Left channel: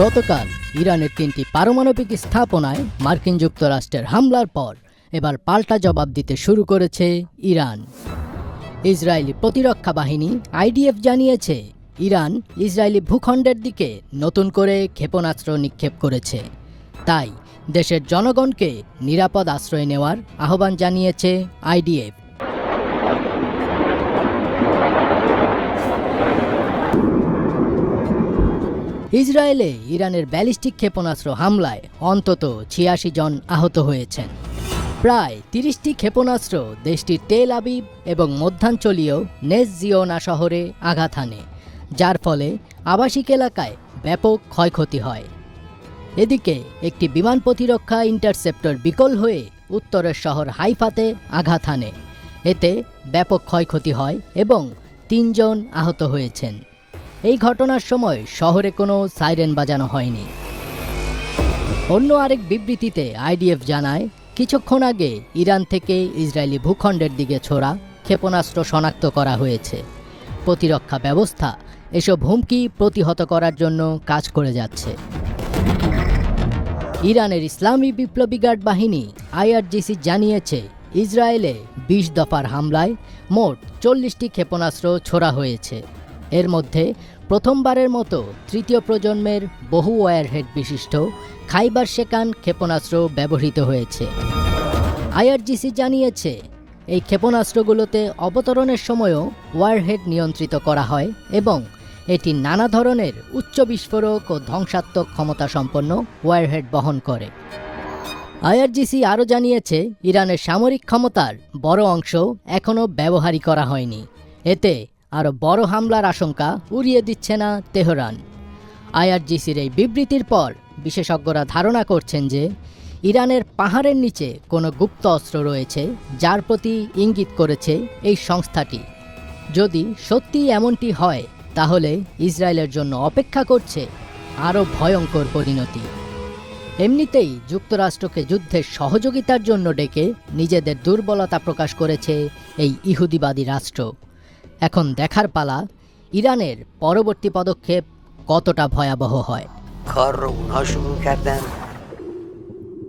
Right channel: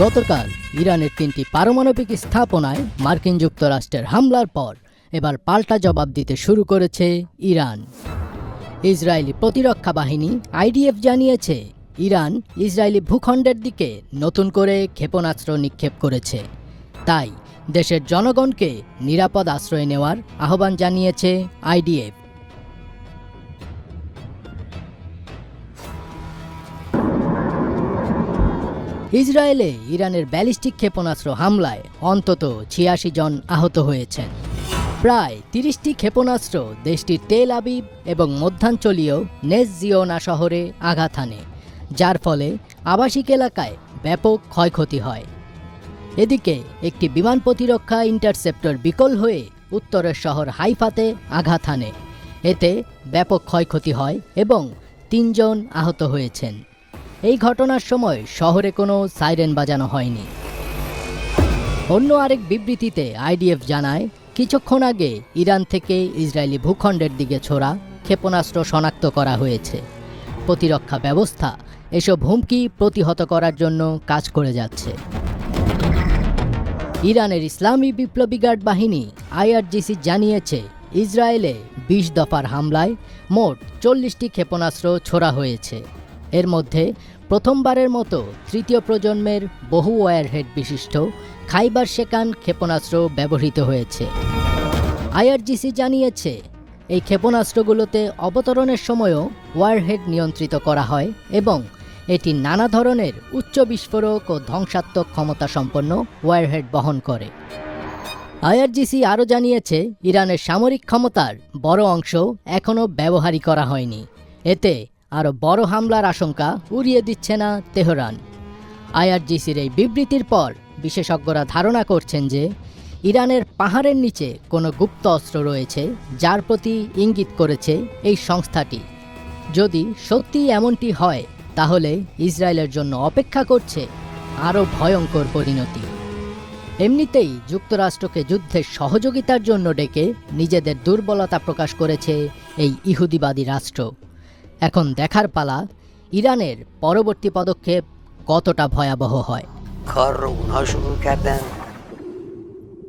গতকাল ইরানের 3টি পারমাণবিক স্থাপনায় মার্কিন যুক্তরাষ্ট্রের হামলার পর এবার পাল্টা জবাব দিতে শুরু করেছে ইরান। ইসরায়েলি প্রতিরক্ষা বাহিনী আইডিএফ জানিয়েছে ইরান ইসরায়েলি ভূখণ্ডের দিকে নতুন করে ক্ষেপণাস্ত্র নিক্ষেপ করেছে। তাই দেশের জনগণকে নিরাপদ আশ্রয় নেওয়ার আহ্বান জানিয়েছে আইডিএফ। ইসরায়েলে ইরানের ব্যালিস্টিক ক্ষেপণাস্ত্র হামলায় অন্তত ৮৬ জন আহত হয়েছেন। প্রায় ৩০টি ক্ষেপণাস্ত্র দেশটির তেল আবিব এবং মধ্যাঞ্চলীয় নেস জিওনা শহরে আঘাত হানে, যার ফলে আবাসিক এলাকায় ব্যাপক ক্ষয়ক্ষতি হয়। এদিকে একটি বিমান প্রতিরক্ষা ইন্টারসেপ্টর বিকল হয়ে উত্তরের শহর হাইফাতে আঘাত হানে। এতে ব্যাপক ক্ষয়ক্ষতি হয় এবং ৩ জন আহত হয়েছেন। এই ঘটনার সময় শহরে কোনো সাইরেন বাজানো হয়নি। অন্য আরেক বিবৃতিতে আইডিএফ জানায়, কিছুক্ষণ আগে ইরান থেকে ইসরায়েলি ভূখণ্ডের দিকে ছোড়া ক্ষেপণাস্ত্র শনাক্ত করা হয়েছে। প্রতিরক্ষা ব্যবস্থা এসব হুমকি প্রতিহত করার জন্য কাজ করে যাচ্ছে। ইরানের ইসলামী বিপ্লবী গার্ড বাহিনী আইআরজিসি জানিয়েছে ইসরায়েলে ২০ দফার হামলায় মোট ৪০টি ক্ষেপণাস্ত্র ছোড়া হয়েছে। এর মধ্যে প্রথমবারের মতো তৃতীয় প্রজন্মের বহু ওয়ারহেড বিশিষ্ট খাইবার শেকান ক্ষেপণাস্ত্র ব্যবহৃত হয়েছে। আইআরজিসি জানিয়েছে এই ক্ষেপণাস্ত্রগুলোতে অবতরণের সময়ও ওয়ারহেড নিয়ন্ত্রিত করা হয় এবং এটি নানা ধরনের উচ্চ বিস্ফোরক ও ধ্বংসাত্মক ক্ষমতা সম্পন্ন ওয়ারহেড বহন করে। আইআরজিসি আরও জানিয়েছে ইরানের সামরিক ক্ষমতার বড় অংশ এখনও ব্যবহারই করা হয়নি। এতে আরও বড় হামলার আশঙ্কা উড়িয়ে দিচ্ছে না তেহরান। আইআরজিসির এই বিবৃতির পর বিশেষজ্ঞরা ধারণা করছেন যে ইরানের পাহাড়ের নিচে কোনো গুপ্ত অস্ত্র রয়েছে, যার প্রতি ইঙ্গিত করেছে এই সংস্থাটি। যদি সত্যি এমনটি হয় তাহলে ইসরায়েলের জন্য অপেক্ষা করছে আরও ভয়ঙ্কর পরিণতি। এমনিতেই যুক্তরাষ্ট্রকে যুদ্ধের সহযোগিতার জন্য ডেকে নিজেদের দুর্বলতা প্রকাশ করেছে এই ইহুদিবাদী রাষ্ট্র। এখন দেখার পালা ইরানের পরবর্তী পদক্ষেপ কতটা ভয়াবহ হয়। کار رو اونها شروع کردن